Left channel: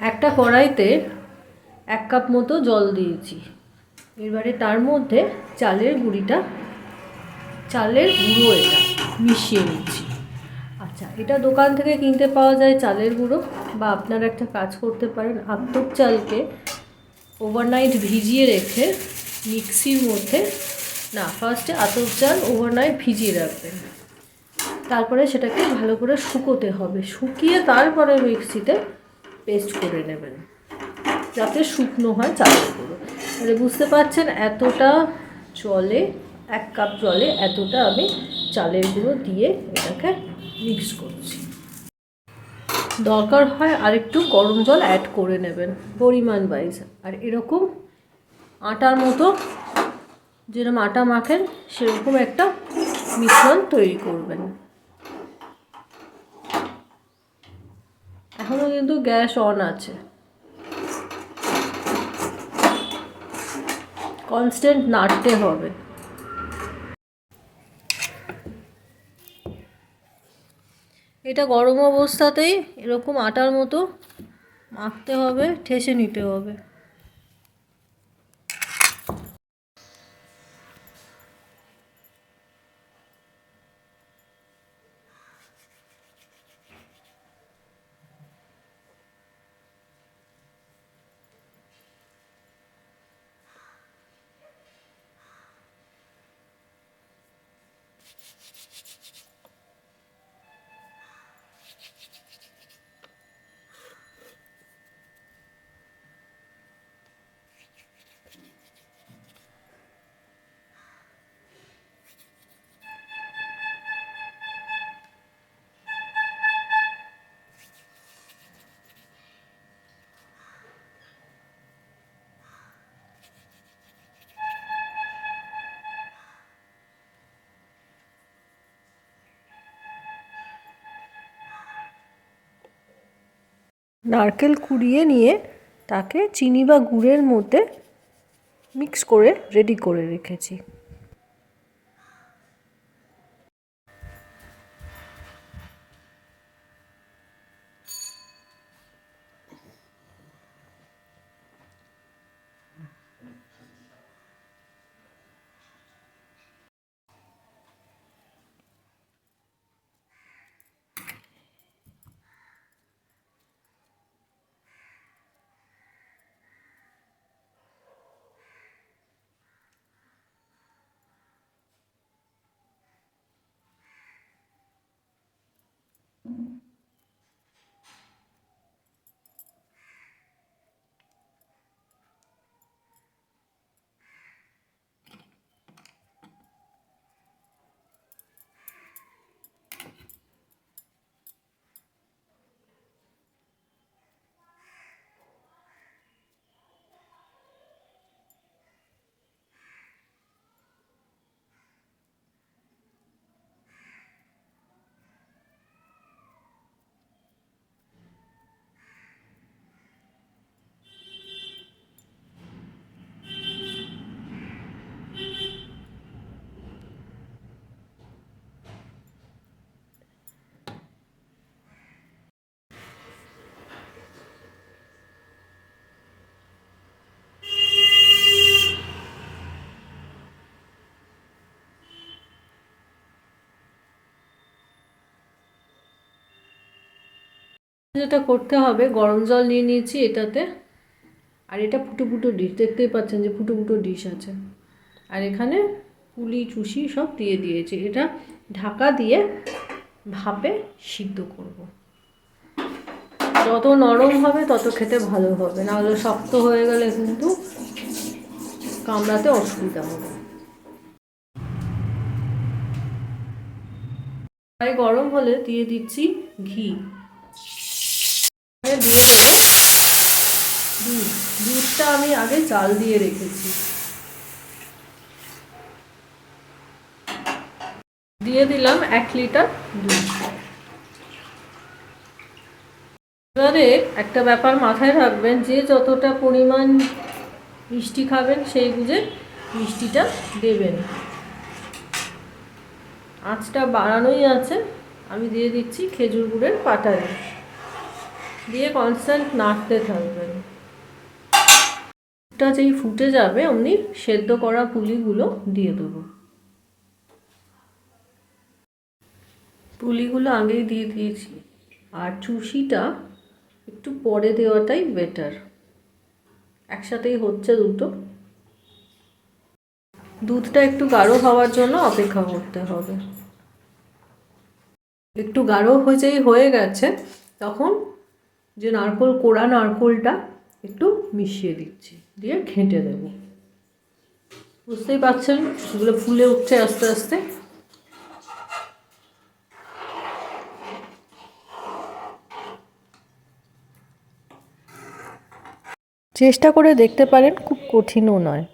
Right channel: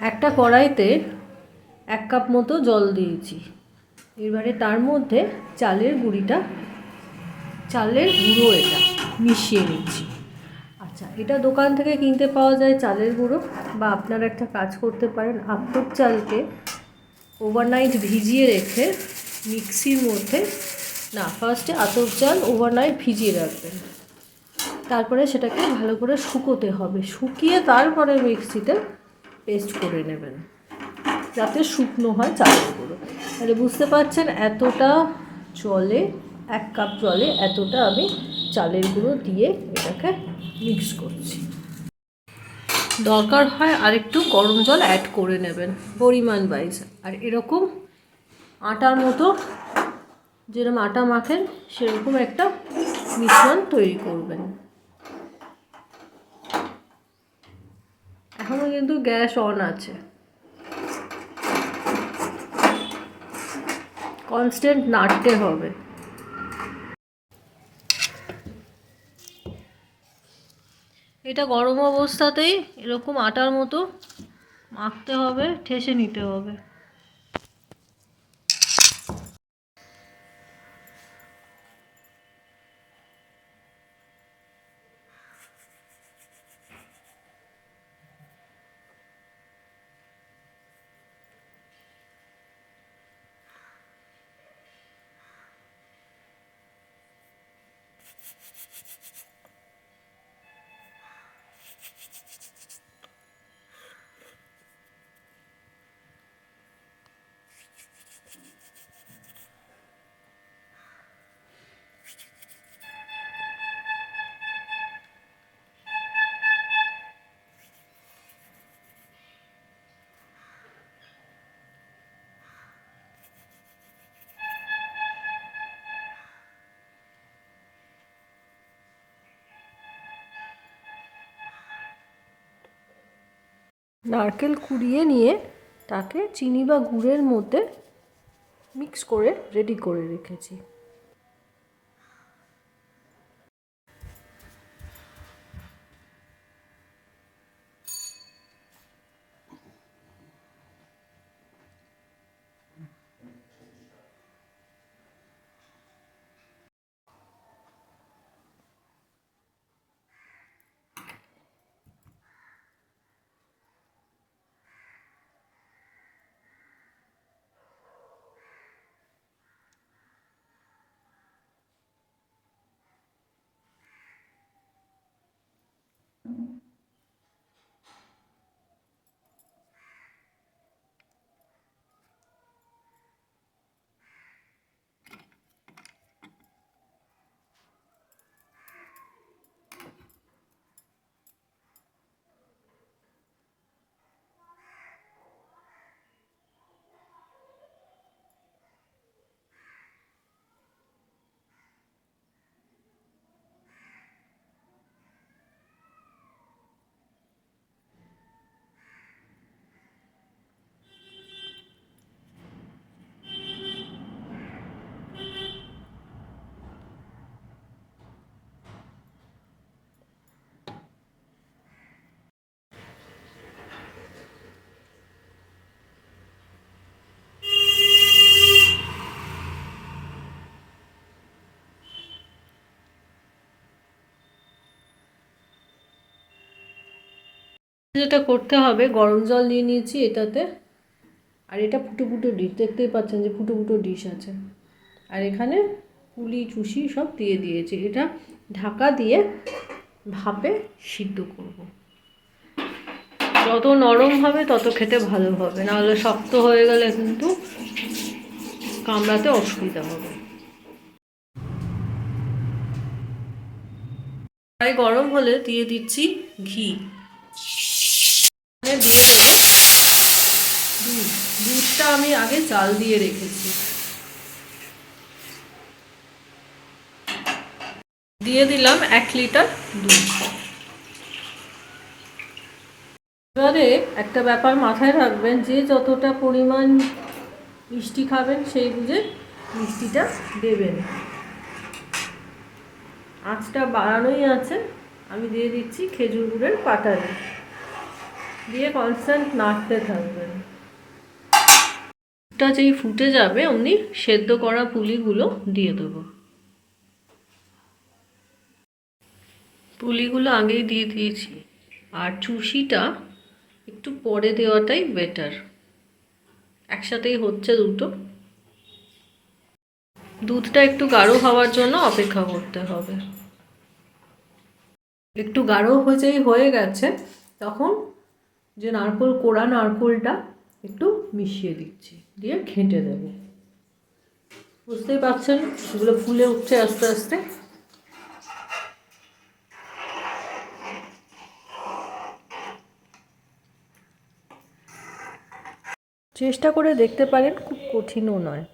একটা কড়াইতে এক কাপ মতো জল দিয়েছি। এবারে তার মধ্যে চালের গুঁড়িটা, চালের গুঁড়ো এটা মিশিয়ে নিচ্ছি। আচ্ছা এটা দোকান থেকে কিনতে পাওয়া যায় চালের গুঁড়ো বা আপনারা একটা কাজ করতে পারেন আতপ চালকে ওভারনাইট ভিজিয়ে রেখে মিক্সির মধ্যে, না ফার্স্টে আতপ চাল ওভারনাইট ভিজিয়ে রাখবেন। তারপরে সেটাকে ভালো করে শুকোতে হবে। শুকিয়ে তারপরে মিক্সিতে পেস্ট করে নেবেন। যাতে শুকনো হয় চালের গুঁড়ো। তাহলে বুঝতে পারছেন এতটা জলে, এক কাপ জলে এতটা আমি চালের গুঁড়ো দিয়ে এটাকে মিক্স করছি। দরকার হয় আরেকটু গরম জল অ্যাড করে নেবেন পরিমাণ ওয়াইজ আর এরকম আটার মতো যেরকম আটা মাখেন, সেরকম একটা মিশ্রণ তৈরি করবেন। এখনও কিন্তু গ্যাস অন আছে। কনস্ট্যান্ট নাড়তে হবে। এটা গরম অবস্থাতেই এরকম আটার মতো মাখতে হবে, ঠেসে নিতে হবে। あ! নারকেল কুড়িয়ে নিয়ে তাকে চিনি বা গুড়ের মধ্যে মিক্স করে রেডি করে রেখেছি। যেটা করতে হবে, গরম জল নিয়ে নিয়েছি এটাতে। আর এটা ফুটো ফুটো ডিশ, দেখতেই পাচ্ছেন যে ফুটো ফুটো ডিশ আছে। আর এখানে পুলি, চুষি সব দিয়ে দিয়েছি। এটা ঢাকা দিয়ে ভাপে সিদ্ধ করব। যত নরম হবে, তত খেতে ভালো হবে। নাহলে শক্ত হয়ে গেলে কিন্তু কামড়াতে অসুবিধা হবে। তাই গরম হলে দিয়ে দিচ্ছি ঘি। এখানে দিয়ে দেবো দুধ। দুধটা আমি আগে চাল দিয়ে রেখেছি। দিয়ে দিলাম এক লিটার দুধ। এবারে একটা ব্যাপার মাথায় রাখবেন, যে যতটা পরিমাণ মিষ্টি খাবেন সেই বুঝে মিষ্টিটা দেবেন। আঁচটা বাড়ানোই আছে। আমি দিয়ে দিচ্ছি খেজুর গুড়ের পাটালি। দিয়ে কনস্ট্যান্ট নাড়তে থাকবেন। টা যেই ফুটে যাবে, অমনি সেদ্ধ করা পুলিগুলো দিয়ে দেবো। পুলিগুলো আগেই দিয়ে দিয়েছি। আর চুষিটা একটু পরে দেওয়াটাই বেটার একসাথেই হচ্ছে দুটো। দুধটা একটু গাঢ় হওয়ার জন্য অপেক্ষা করতে হবে। একটু গাঢ় হয়ে হয়ে গেছে, তখন যে নারকোল কোড়া নারকোলটা একটু মিশিয়ে দিচ্ছি, দিয়ে ঘেঁটে দেবো। বুঝতেই পারছেন? এগুলো ফুলে উঠছে আস্তে আস্তে। চেষ্টা করে দেখতে পারেন, খুব কঠিনও নয়।